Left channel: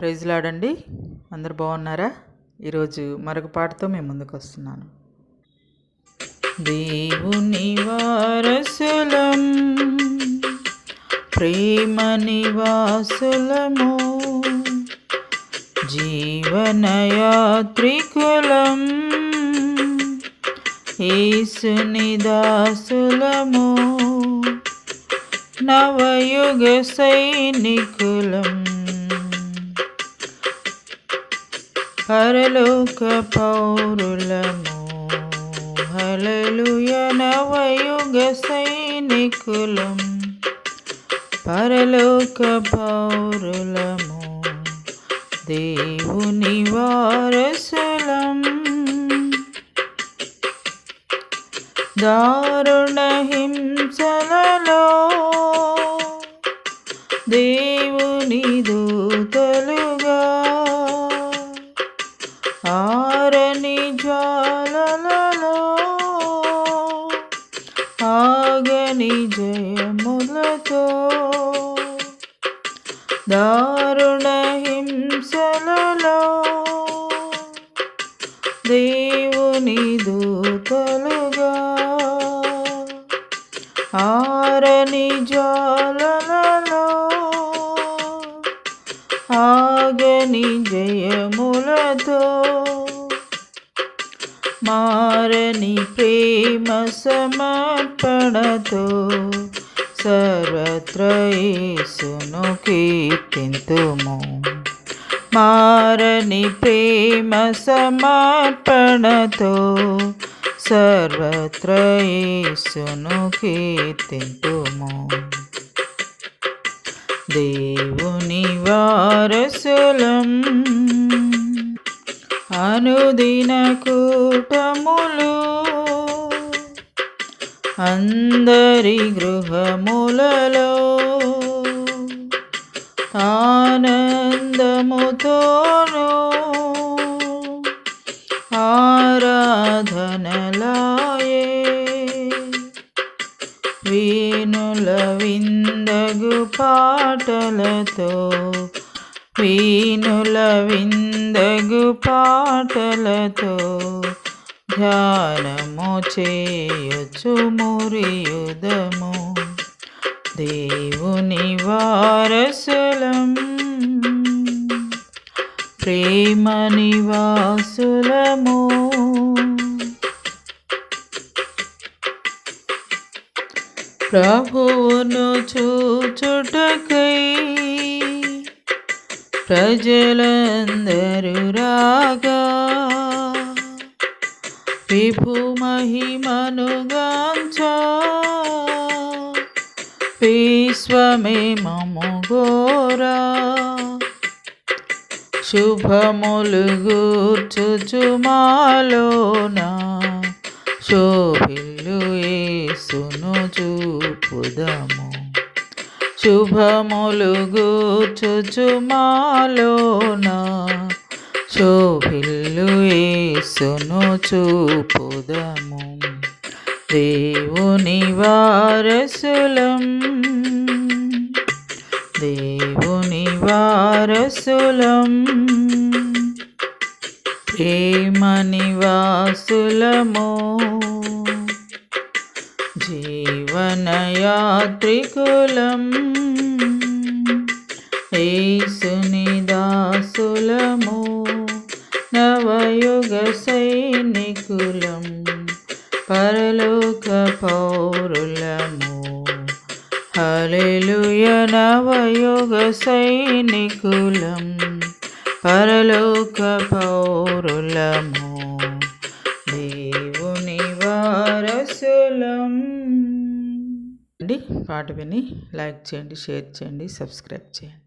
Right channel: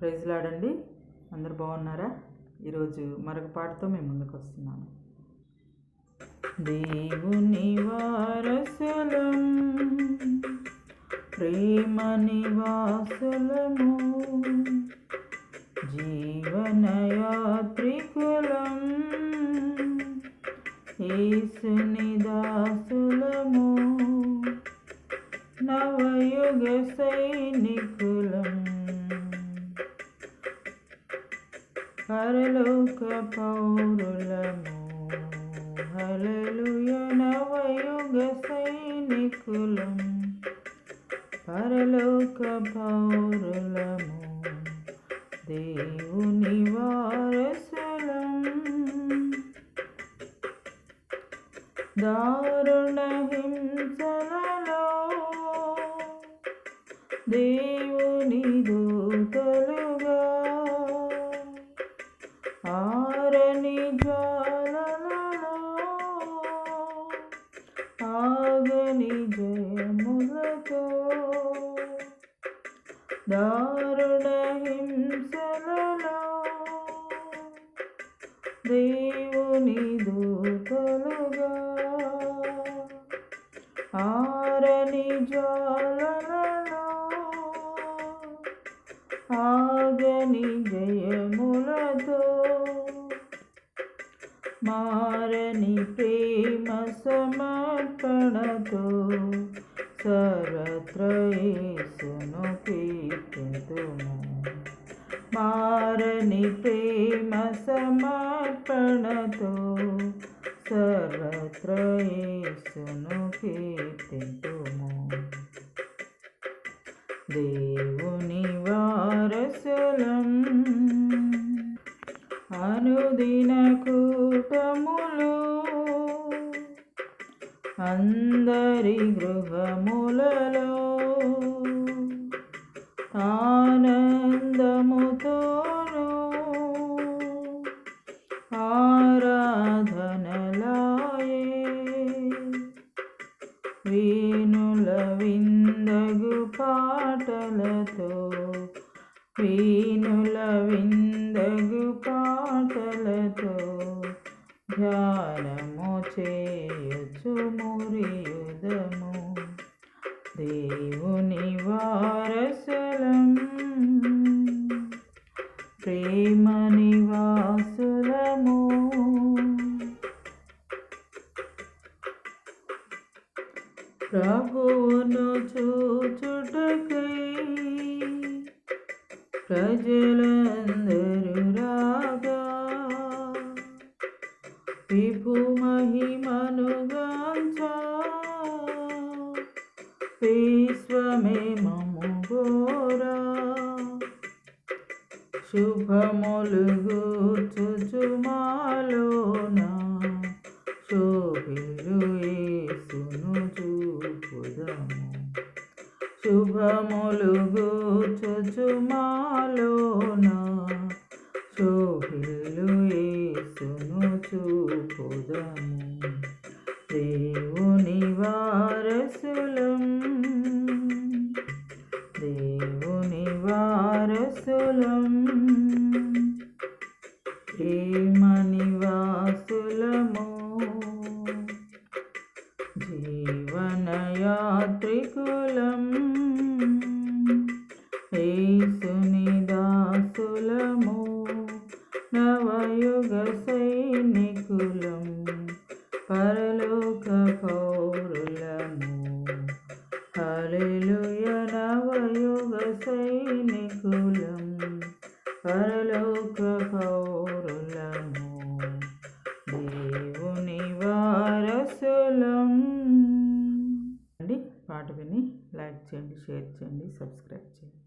ప్రైజ్లాడండి. అందరు బాగున్నారా? ఈరోజు మరొక పాటతో మేము ముందుకు వస్తున్నాను. దేవుని వారసులం ప్రేమ నివాసులము జీవనయాత్రికులం ఏసుని దాసులము నవయుగ సైనికులం. పరలోక పౌరులము హలలుయ నవయుగ సైనికులం. పరలోక పౌరులము దేవుని వారసులం. దారుణ హింసలలో దేవుని ఆగని జయములతో దారుణ హింసలలో దేవుని దూతలుగా ఆరని జ్వాలలలో ఆగని జయములతో మారని ప్రేమ సమర్పణతో సర్వత్రయేసును కీర్తింతుము. మారని ప్రేమ సమర్పణతో సర్వత్రయేసును కీర్తింతుము. దేవుని వారసులం అనుదిన అందరి గృహములలో ఆనందముతోనూ ఆరాధనలాయే. వీణుల విందగు పాటలతో వీణుల విందగు పాటలతో ధ్యానము చేయొచ్చు మురియుదము. దేవుని వారసులం ప్రేమ నివాసులము. ప్రభువును చూచుటకై ప్రజలందరూ రాగా విభు మహిమనుగాంచా. విశ్వమే మము గోరా శుభములు గూర్చుచుమాలోనా శోభిల్లు ఏసును చూపుదము. శుభములు గూర్చుచుమాలోన శోభిల్లు ఏ యేసును చూపుదము. దేవుని వారసులం. దేవుని వారసులం. ప్రేమని వాసులము జీవనయాత్రికులం. ఏసుని దాసులము. నవయుగ సైనికులం పరలోక పౌరులము హలెలుయ నవయుగ సైనికులం పరలోక పౌరులము దేవుని వారసులం. అండి పాట విని లైక్ చేయండి షేర్ చేయండి సబ్స్క్రైబ్ చేయండి.